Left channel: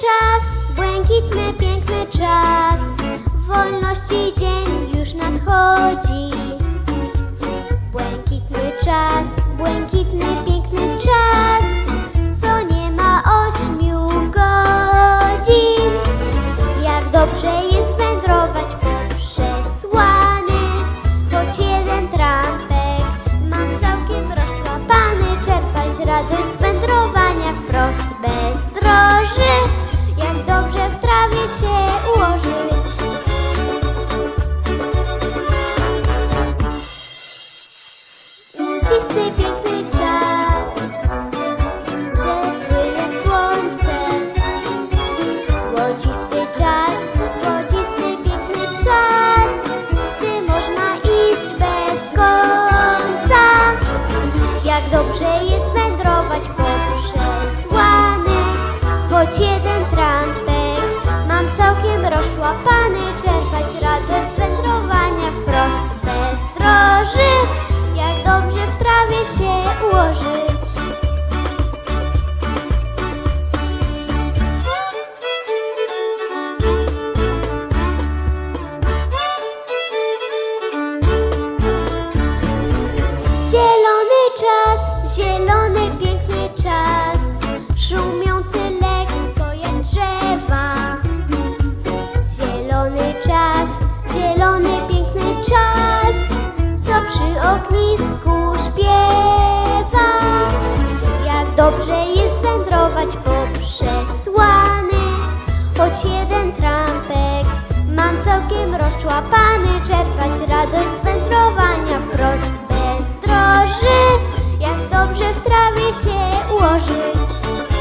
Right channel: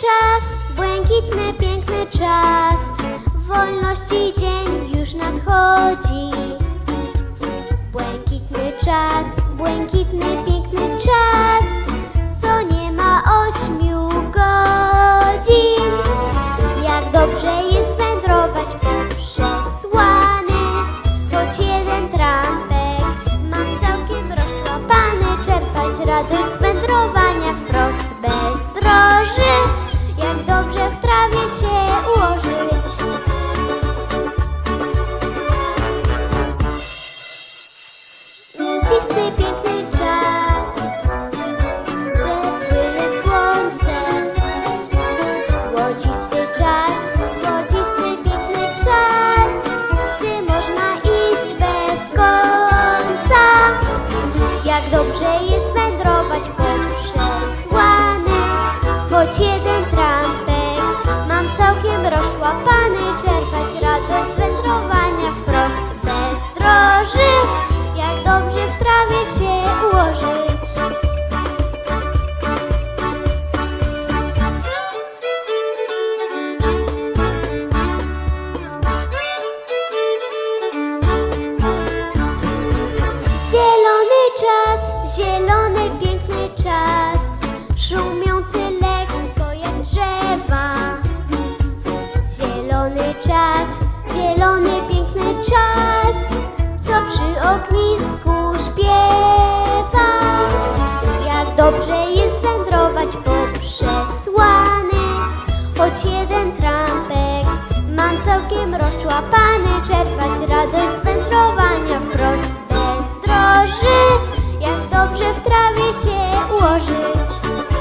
czas, błękitny, piękny czas, wolności dzień. Zielony czas, zielony piękny czas, szumiący lekko jak drzewa. Zielony czas, zielony piękny czas, co przy ognisku śpiewa. Ja dobrze jest wędrować po przesłany, choć jeden trak. ułożyć.